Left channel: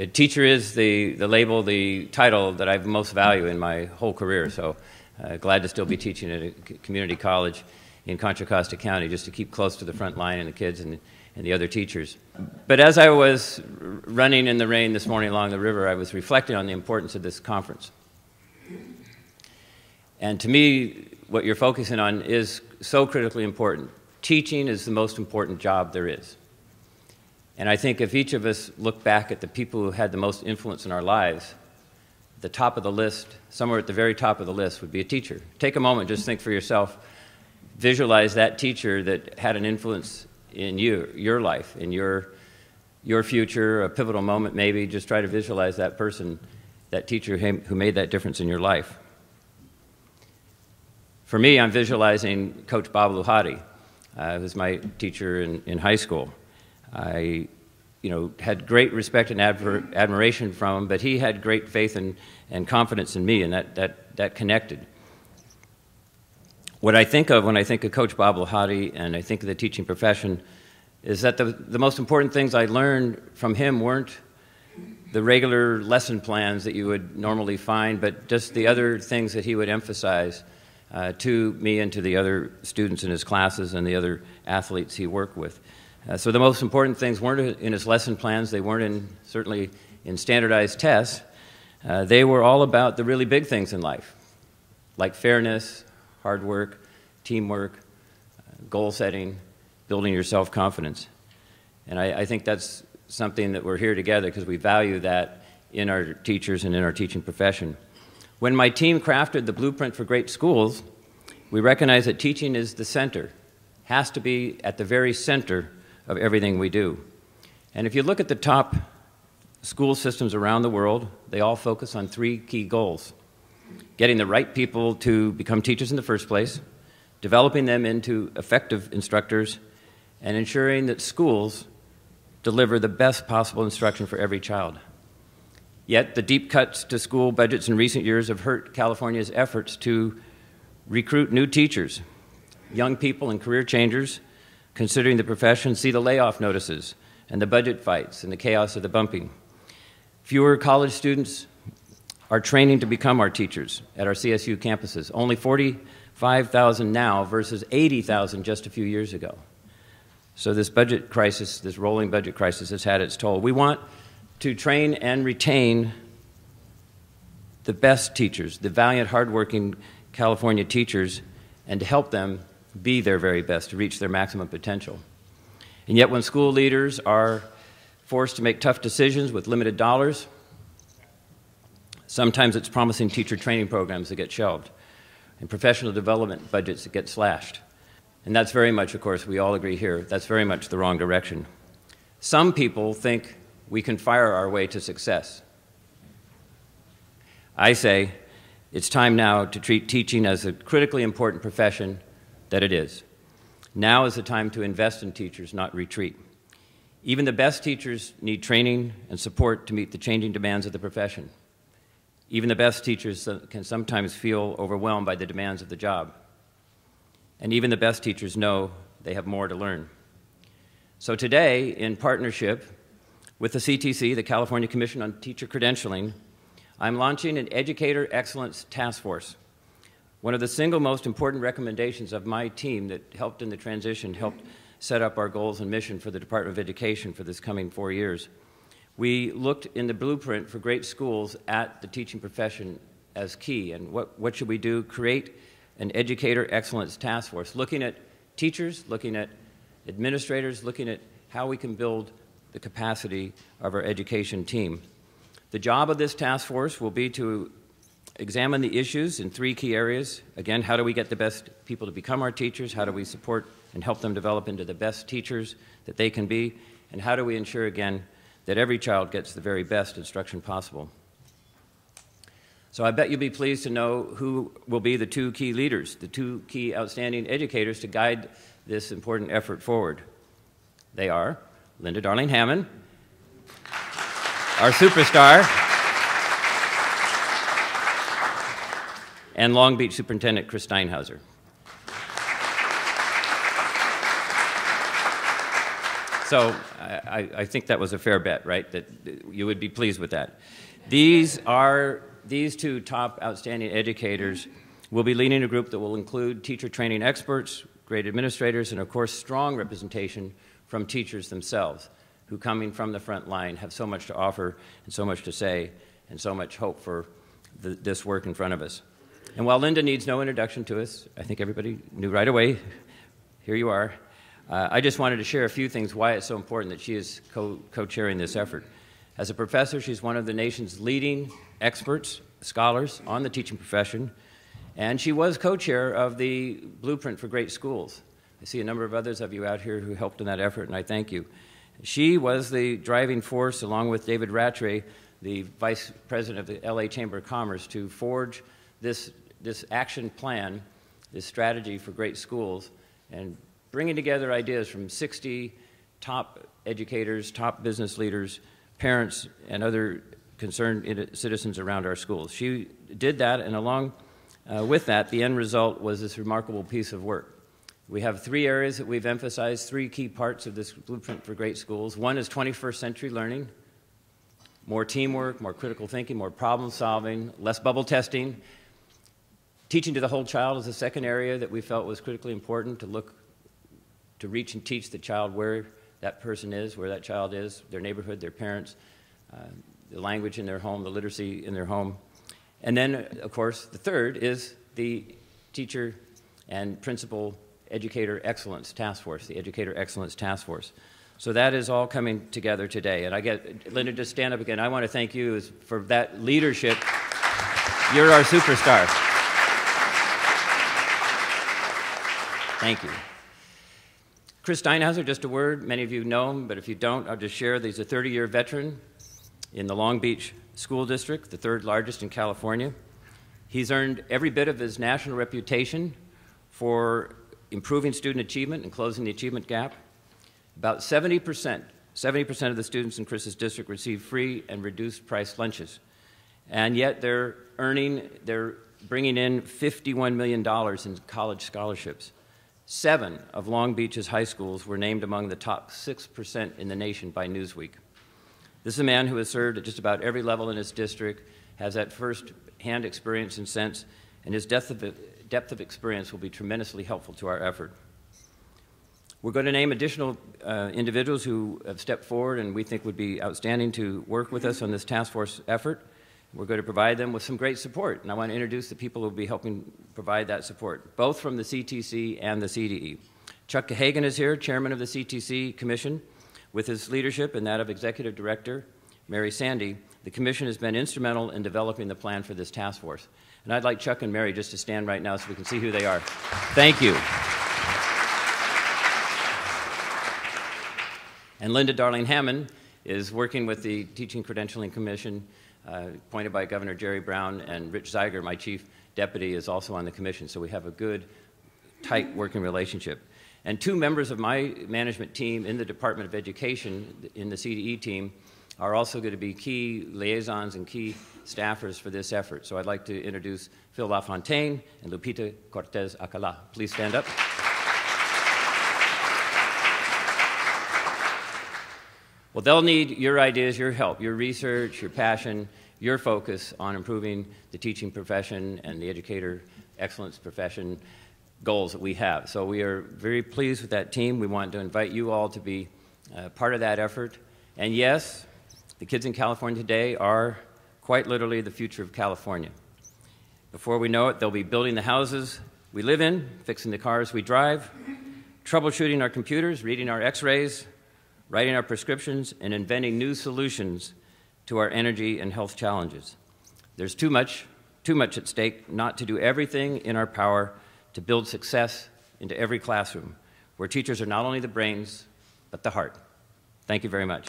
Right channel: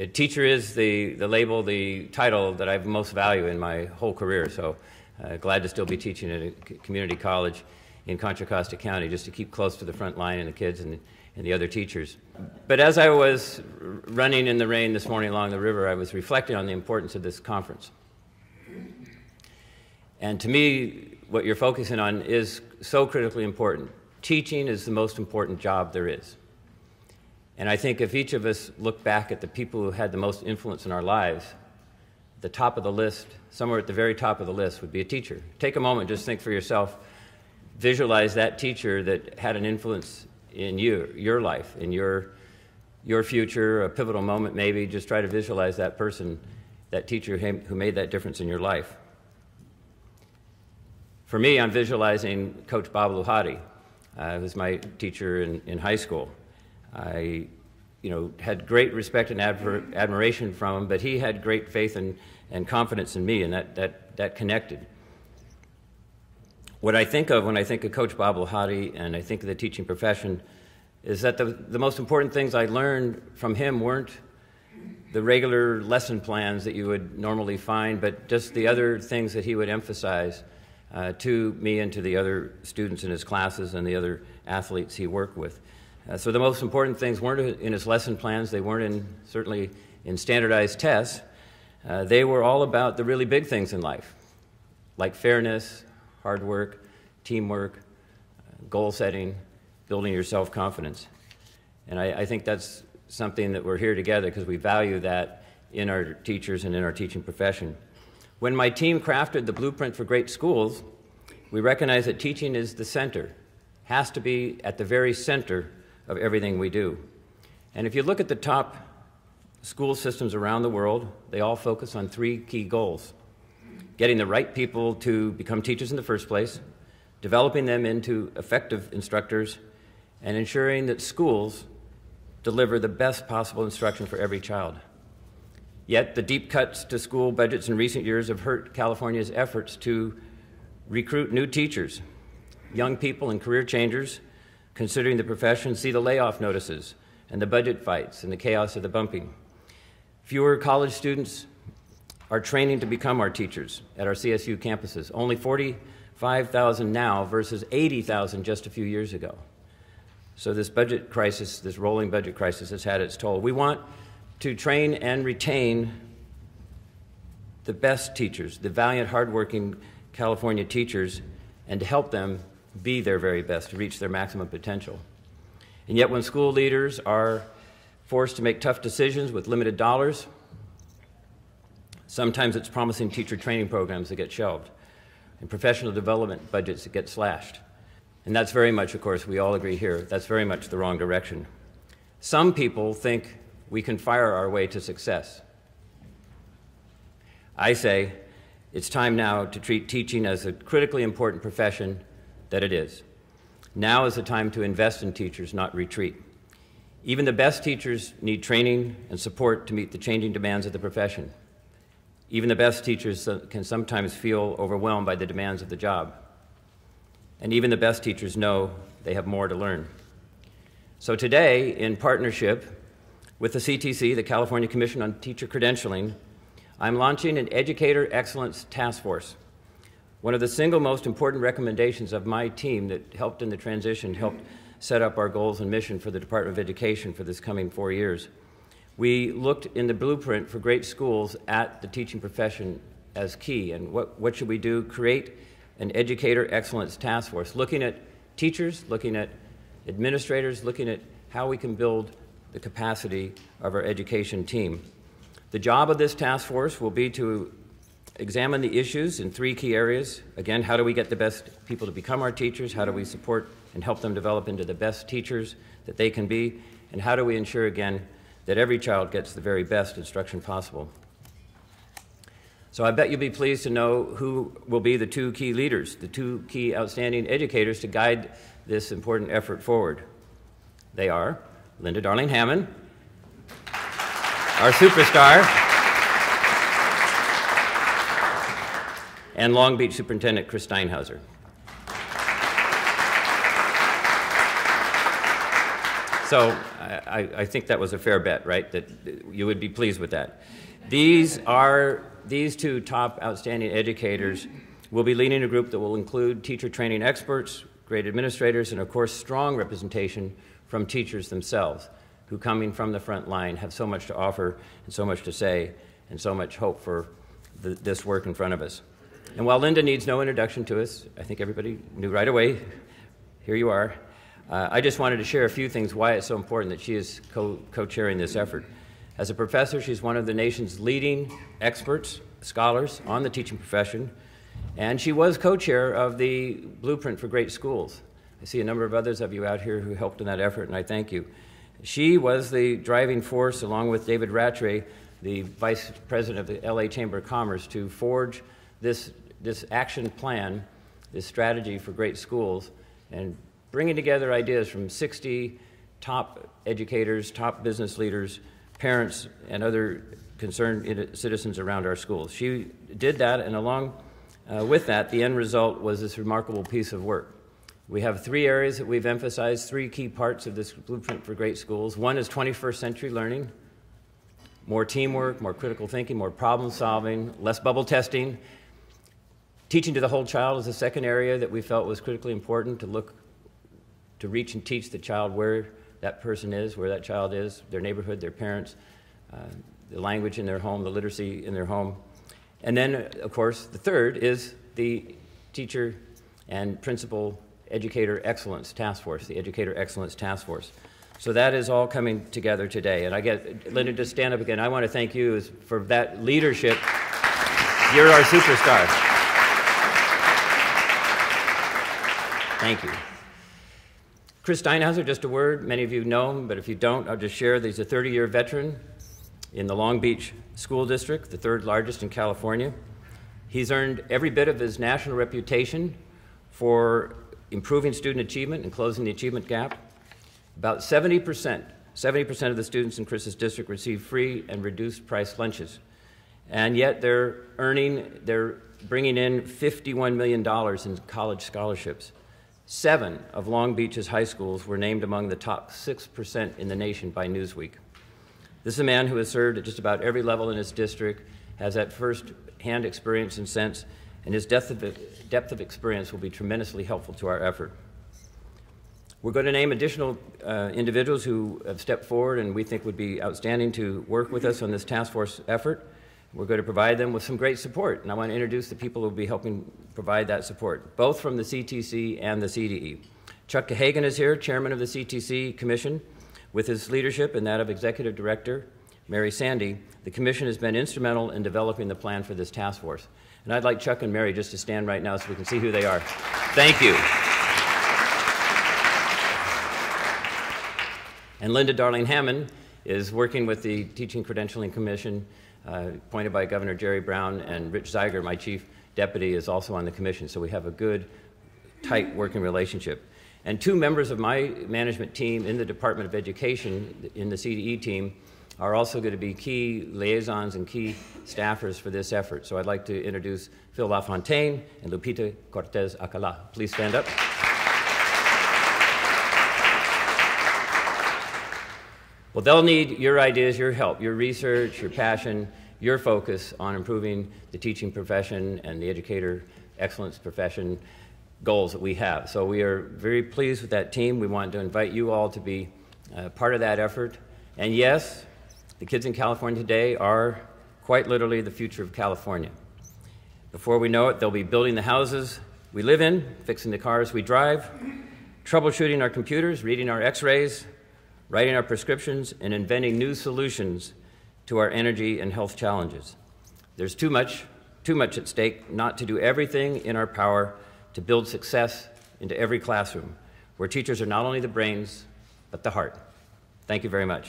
A teacher is the label, the title that I most value in my whole career, so glad to still be teaching at a community college in Contra Costa County, just to keep close to the front line and the kids and the other teachers. But as I was running in the rain this morning along the river, I was reflecting on the importance of this conference. And to me, what you're focusing on is so critically important. Teaching is the most important job there is. And I think if each of us look back at the people who had the most influence in our lives, the top of the list, somewhere at the very top of the list, would be a teacher. Take a moment, just think for yourself. Visualize that teacher that had an influence in your life, in your future, a pivotal moment maybe. Just try to visualize that person, that teacher who made that difference in your life. For me, I'm visualizing Coach Bob Luhati, who was my teacher in high school. I had great respect and admiration from him, but he had great faith and confidence in me, and that connected. What I think of when I think of Coach Bob Luhati and I think of the teaching profession is that the most important things I learned from him weren't the regular lesson plans that you would normally find, but just the other things that he would emphasize to me and to the other students in his classes and the other athletes he worked with. So the most important things weren't in his lesson plans. They weren't certainly in standardized tests. They were all about the really big things in life, like fairness, hard work, teamwork, goal setting, building your self-confidence. And I think that's something that we're here together because we value that in our teachers and in our teaching profession. When my team crafted the blueprint for great schools, we recognized that teaching is the center, has to be at the very center of everything we do. And if you look at the top school systems around the world, they all focus on three key goals: getting the right people to become teachers in the first place, developing them into effective instructors, and ensuring that schools deliver the best possible instruction for every child. Yet the deep cuts to school budgets in recent years have hurt California's efforts to recruit new teachers. Young people and career changers considering the profession see the layoff notices and the budget fights and the chaos of the bumping. Fewer college students are training to become our teachers at our CSU campuses. Only 45,000 now versus 80,000 just a few years ago. So this budget crisis, this rolling budget crisis, has had its toll. We want to train and retain the best teachers, the valiant, hardworking California teachers, and to help them be their very best, to reach their maximum potential. And yet when school leaders are forced to make tough decisions with limited dollars, sometimes it's promising teacher training programs that get shelved and professional development budgets that get slashed. And that's very much, of course, we all agree here, that's very much the wrong direction. Some people think we can fire our way to success. I say it's time now to treat teaching as a critically important profession that it is. Now is the time to invest in teachers, not retreat. Even the best teachers need training and support to meet the changing demands of the profession. Even the best teachers can sometimes feel overwhelmed by the demands of the job. And even the best teachers know they have more to learn. So today, in partnership with the CTC, the California Commission on Teacher Credentialing, I'm launching an Educator Excellence Task Force. One of the single most important recommendations of my team that helped in the transition, helped set up our goals and mission for the Department of Education for this coming 4 years. We looked in the blueprint for great schools at the teaching profession as key. And what should we do? Create an Educator Excellence Task Force, looking at teachers, looking at administrators, looking at how we can build the capacity of our education team. The job of this task force will be to examine the issues in three key areas. Again, how do we get the best people to become our teachers? How do we support and help them develop into the best teachers that they can be? And how do we ensure, again, that every child gets the very best instruction possible? So I bet you'll be pleased to know who will be the two key leaders, the two key outstanding educators to guide this important effort forward. They are Linda Darling-Hammond, our superstar, and Long Beach Superintendent Chris Steinhauser. So I think that was a fair bet, right? That you would be pleased with that. These two top outstanding educators will be leading a group that will include teacher training experts, grade administrators, and of course strong representation from teachers themselves, who coming from the front line have so much to offer and so much to say and so much hope for this work in front of us. And while Linda needs no introduction to us, I think everybody knew right away, here you are. I just wanted to share a few things why it's so important that she is co-chairing this effort. As a professor, she's one of the nation's leading experts, scholars on the teaching profession, and she was co-chair of the Blueprint for Great Schools. I see a number of others of you out here who helped in that effort, and I thank you. She was the driving force, along with David Rattray, the vice president of the LA Chamber of Commerce, to forge this action plan, this strategy for great schools, and bringing together ideas from 60 top educators, top business leaders, parents, and other concerned citizens around our schools. She did that, and along with that, the end result was this remarkable piece of work. We have three areas that we've emphasized, three key parts of this Blueprint for Great Schools. One is 21st century learning, more teamwork, more critical thinking, more problem solving, less bubble testing. Teaching to the whole child is the second area that we felt was critically important, to reach and teach the child where that person is, where that child is, their neighborhood, their parents, the language in their home, the literacy in their home. And then, of course, the third is the teacher and principal educator excellence task force, the Educator Excellence Task Force. So that is all coming together today. And I get Linda to stand up again. I want to thank you for that leadership. You're our superstar. Thank you. Chris Steinhauser, just a word. Many of you know him, but if you don't, I'll just share that he's a 30-year veteran in the Long Beach School District, the third largest in California. He's earned every bit of his national reputation for improving student achievement and closing the achievement gap. About 70% of the students in Chris's district receive free and reduced price lunches. And yet they're bringing in $51 million in college scholarships. 7 of Long Beach's high schools were named among the top 6% in the nation by Newsweek. This is a man who has served at just about every level in his district, has that first-hand experience and sense, and his depth of experience will be tremendously helpful to our effort. We're going to name additional individuals who have stepped forward and we think would be outstanding to work with us on this task force effort. We're going to provide them with some great support, and I want to introduce the people who will be helping provide that support, both from the CTC and the CDE. Chuck DeHagen is here, chairman of the CTC Commission. With his leadership and that of Executive Director Mary Sandy, the Commission has been instrumental in developing the plan for this task force. And I'd like Chuck and Mary just to stand right now so we can see who they are. Thank you. And Linda Darling-Hammond is working with the Teaching Credentialing Commission, appointed by Governor Jerry Brown, and Rich Zeiger, my chief deputy, is also on the commission. So we have a good, tight working relationship. And 2 members of my management team in the Department of Education, in the CDE team, are also going to be key liaisons and key staffers for this effort. So I'd like to introduce Phil LaFontaine and Lupita Cortez Acala. Please stand up. Well, they'll need your ideas, your help, your research, your passion, your focus on improving the teaching profession and the educator excellence profession goals that we have. So we are very pleased with that team. We want to invite you all to be part of that effort. And yes, the kids in California today are quite literally the future of California. Before we know it, they'll be building the houses we live in, fixing the cars we drive, troubleshooting our computers, reading our x-rays, writing our prescriptions, and inventing new solutions to our energy and health challenges. There's too much at stake not to do everything in our power to build success into every classroom, where teachers are not only the brains, but the heart. Thank you very much.